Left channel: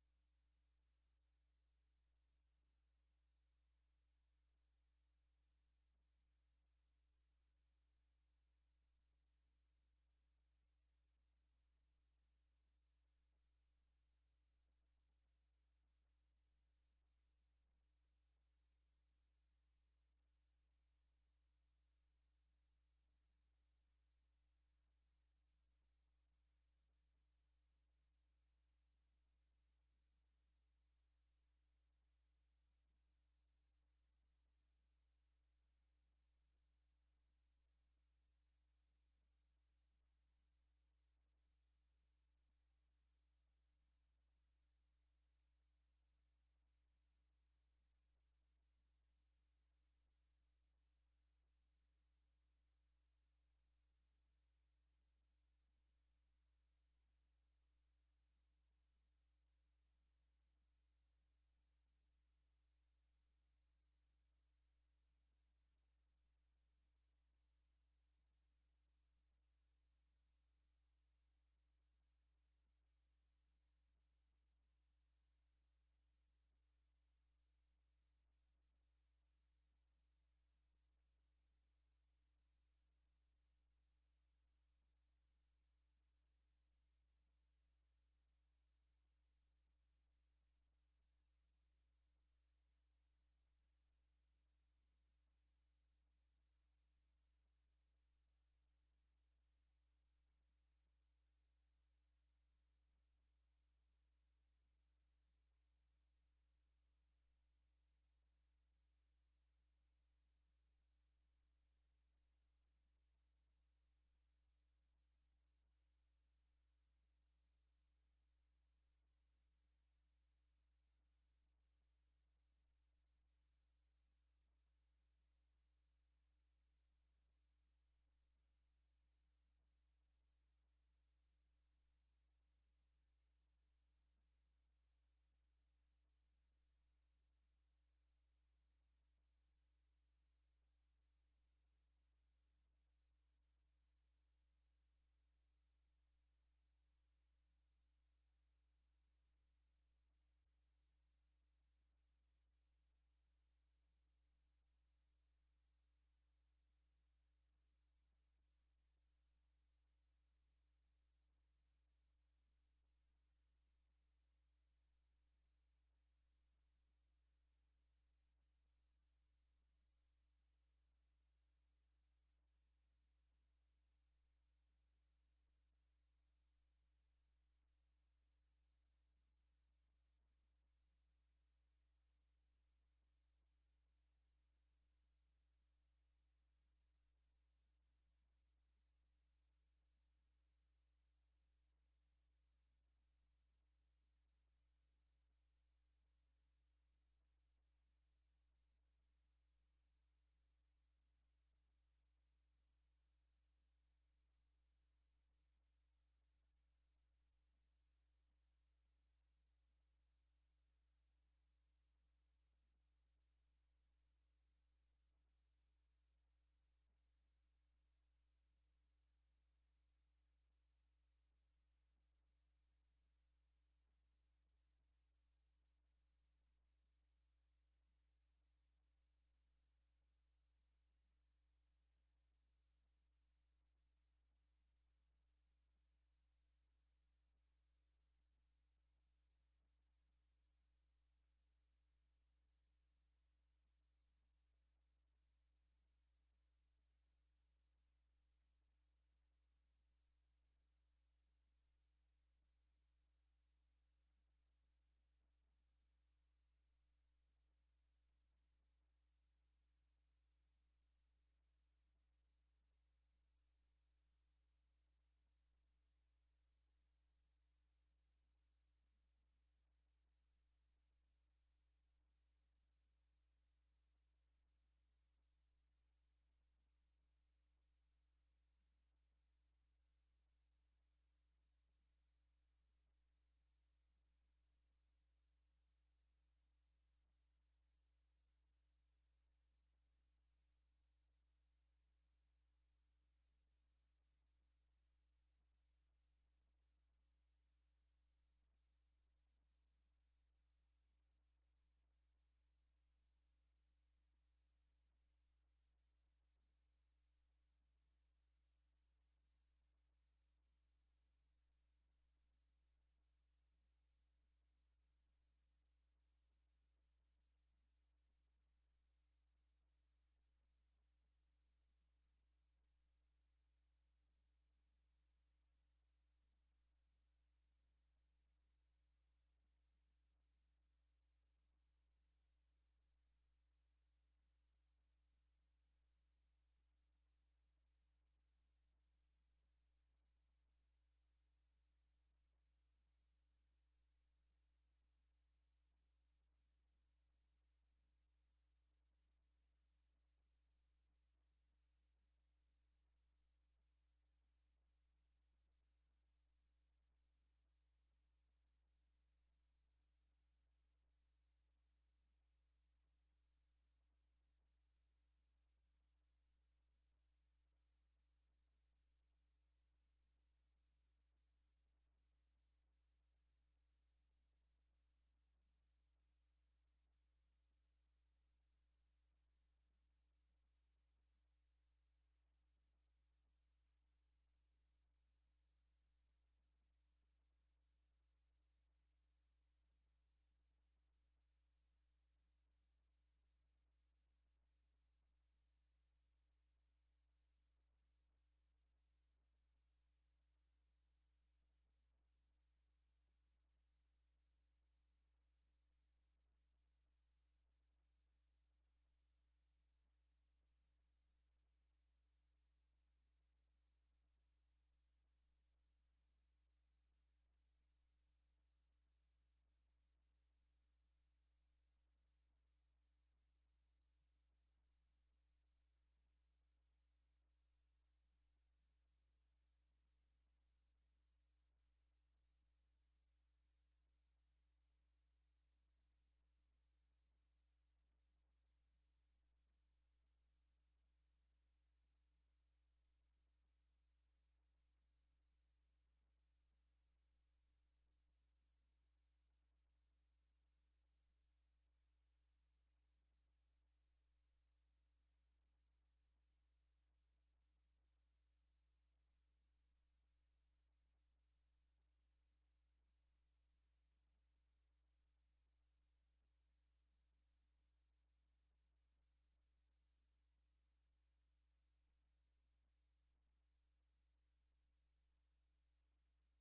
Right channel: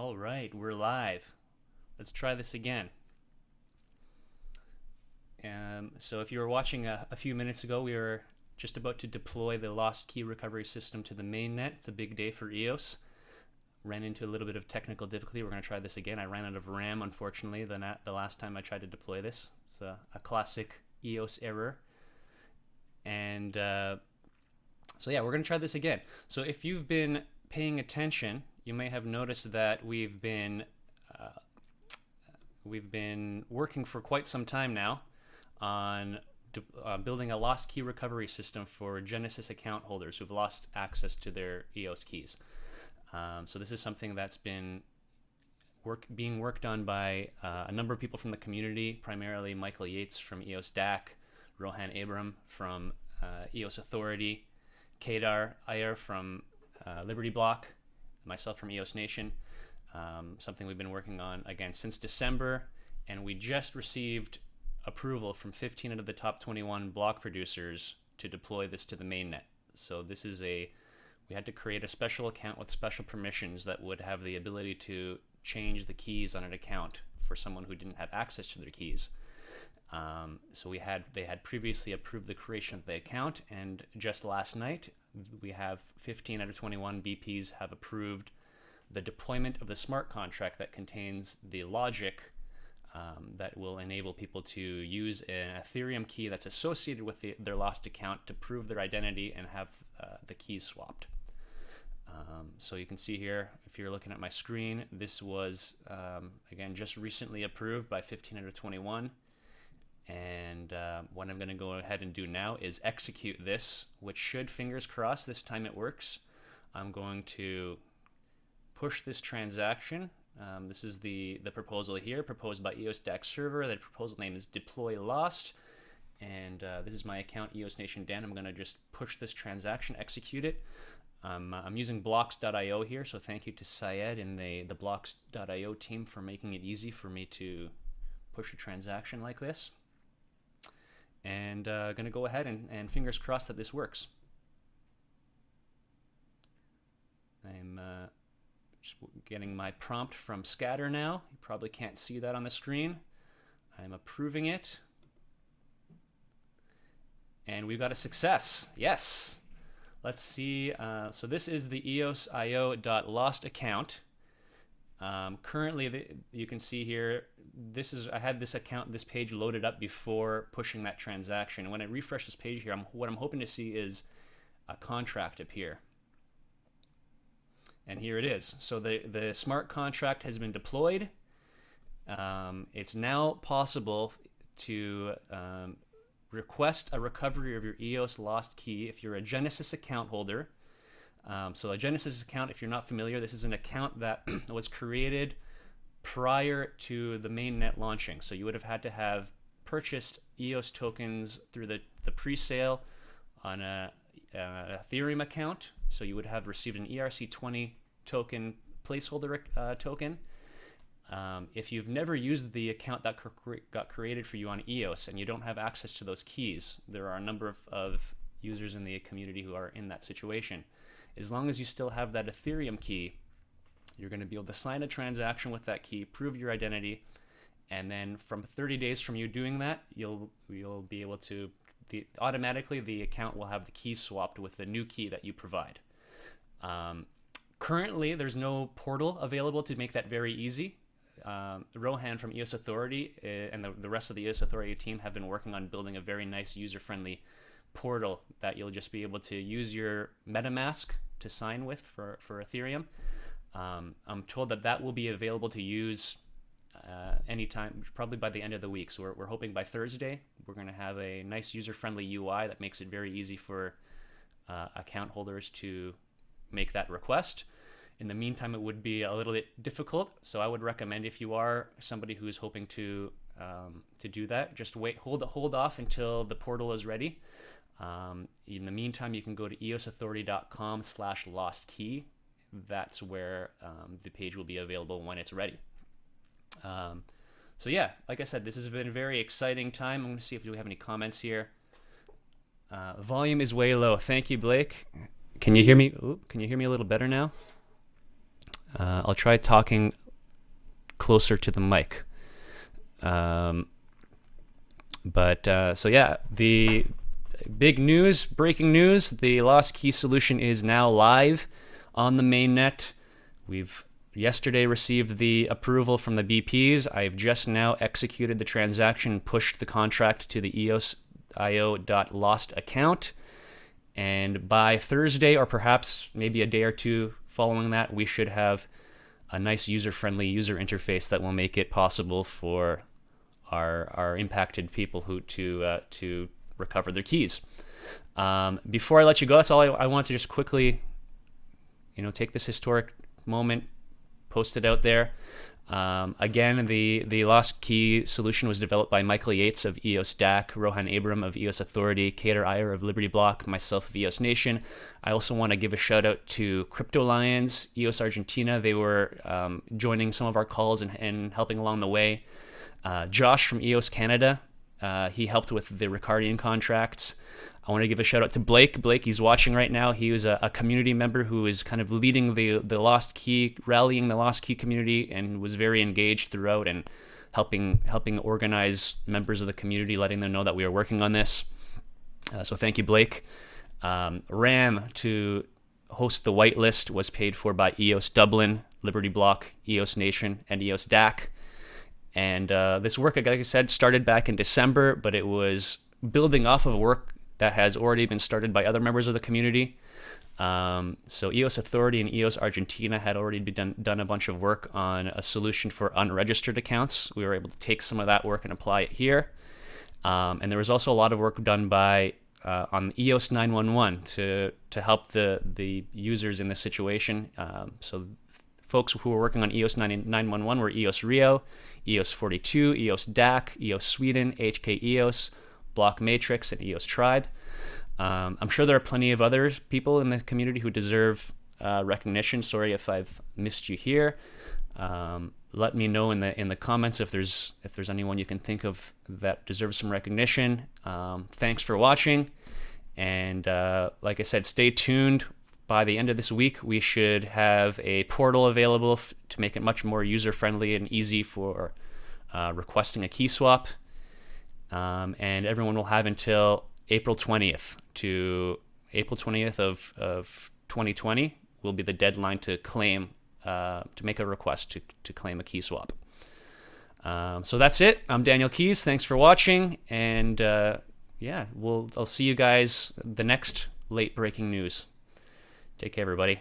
All right, we're live. Let's try this again. So if you were watching a few minutes ago, we were just about to deploy the lost key recovery system to the mainnet. It's a big day for EOS. Ran into a little bit of technical difficulty. We're going to try this again. I ran out of RAM, unfortunately, the last time I tried to deploy this. It's a classic EOS error. And so yeah, we're going to try this again. So if you've been paying attention, you may have noticed that we've been working for quite some time now on building a lost key recovery system for Genesis account holders who've lost access to their EOS keys. So this is something that's been being worked on by a number of people from the community, primarily Michael Yeates from eosDAC, Rohan from EOS Authority, Kadar, Iyer from LibertyBlock, myself from EOS Nation. Something we've been working on again since December, and we just received approval from 15 out of the top 21 block producers to deploy this to the mainnet. So this is we had to create a special account with special permissions that would have the ability to change the keys on an account for someone who didn't have access to their keys. So they had previously approved the creation of the account, and just last night we have 15 out of 21 BPs have approved the deployment of the smart contract that contains the logic that will enable people to use an Ethereum key that's associated with their lost account to prove their identity and have the keys swapped. So you can see here, if you're looking at my screen, this was, again, just recently approved by 15 out of 21. And what I'm going to go ahead and do now is execute this, which should, fingers crossed, this time it works. I'm going to push this transaction. This is the proposal here, proposed by eosDAC server. The proposal name is deploy lost. And this is my account, EOS Nation Dan. I'm going to just push this transaction, execute it. I'm using blocks.io here, so thank you to Syed and the blocks.io team for making it easy for me to push a transaction like this. And going to go ahead and fingers crossed that this works. I'm just getting my prompt from Scatter now. You probably can't see that on the screen. I'm approving it. And we've got a success. Yes. Let's see. So this is the eosIO.lost account. Currently, you can see here, I had this page loaded up before pushing that transaction. When I refresh this page here, what I'm hoping to see is a contract appear. And here it is. So the smart contract has been deployed. It's now possible to request a recovery of your EOS lost key if you're a Genesis account holder. So a Genesis account, if you're not familiar, this is an account that was created prior to the mainnet launching. So you would have had to have purchased EOS tokens through the pre-sale on a Ethereum account. So you would have received an ERC20 token placeholder token. If you've never used the account that got created for you on EOS and you don't have access to those keys, there are a number of users in the community who are in that situation. As long as you still have that Ethereum key, you're going to be able to sign a transaction with that key, prove your identity, and then from 30 days from you doing that, you'll be able to automatically the account will have the key swapped with the new key that you provide. Currently, there's no portal available to make that very easy. Rohan from EOS Authority and the rest of the EOS Authority team have been working on building a very nice user-friendly portal that you'll just be able to use your MetaMask to sign with for Ethereum. I'm told that will be available to use anytime, probably by the end of the week. So we're hoping by Thursday we're going to have a nice user-friendly UI that makes it very easy for account holders to make that request. In the meantime, it would be a little bit difficult, so I would recommend if you are somebody who is hoping to do that, just hold off until the portal is ready. In the meantime, you can go to eosauthority.com/lostkey. That's where the page will be available when it's ready. So yeah, like I said, this has been a very exciting time. I'm going to see if we have any comments here. Volume is way low. Thank you, Blake. Can you hear me? Can you hear me a little better now? I'll try talking closer to the mic. So yeah, the big news, breaking news, the lost key solution is now live on the mainnet. We've yesterday received the approval from the BPs. I've just now executed the transaction and pushed the contract to the eosIO.lost account. And by Thursday, or perhaps maybe a day or two following that, we should have a nice user-friendly user interface that will make it possible for our impacted people to recover their keys. Before I let you go, that's all I want to just quickly, take this historic moment, post it out there. Again, the lost key solution was developed by Michael Yeates of eosDAC, Rohan of EOS Authority, Kadar, Iyer of LibertyBlock, myself of EOS Nation. I also want to give a shout out to Crypto Lions, EOS Argentina. They were joining some of our calls and helping along the way. Josh from EOS Canada, he helped with the Ricardian contracts. I want to give a shout out to Blake. Blake, he's watching right now. He was a community member who is kind of leading the lost key, rallying the lost key community, and was very engaged throughout and helping organize members of the community, letting them know that we are working on this. So thank you, Blake. Ram to host the whitelist was paid for by EOS Dublin, LibertyBlock, EOS Nation, and EosDAC. And this work, like I said, started back in December, but it was building off of work that has already been started by other members of the community. So EOS Authority and EOS Argentina had already done a bunch of work on a solution for unregistered accounts. We were able to take some of that work and apply it here. And there was also a lot of work done by on EOS 911 to help the users in this situation. So folks who were working on EOS 911 were EOS Rio, EOS 42, eosDAC, EOS Sweden, HK EOS, Block Matrix, and EOS Tribe. I'm sure there are plenty of other people in the community who deserve recognition. Sorry if I've missed you here. Let me know in the comments if there's anyone you can think of that deserves some recognition. Thanks for watching, and like I said, stay tuned. By the end of this week, we should have a portal available to make it much more user-friendly and easy for requesting a key swap. And everyone will have until April 20th of 2020 will be the deadline to claim, to make a request to claim a key swap. So that's it. I'm Daniel Keys. Thanks for watching. And I'll see you guys the next late breaking news. Take care, everybody.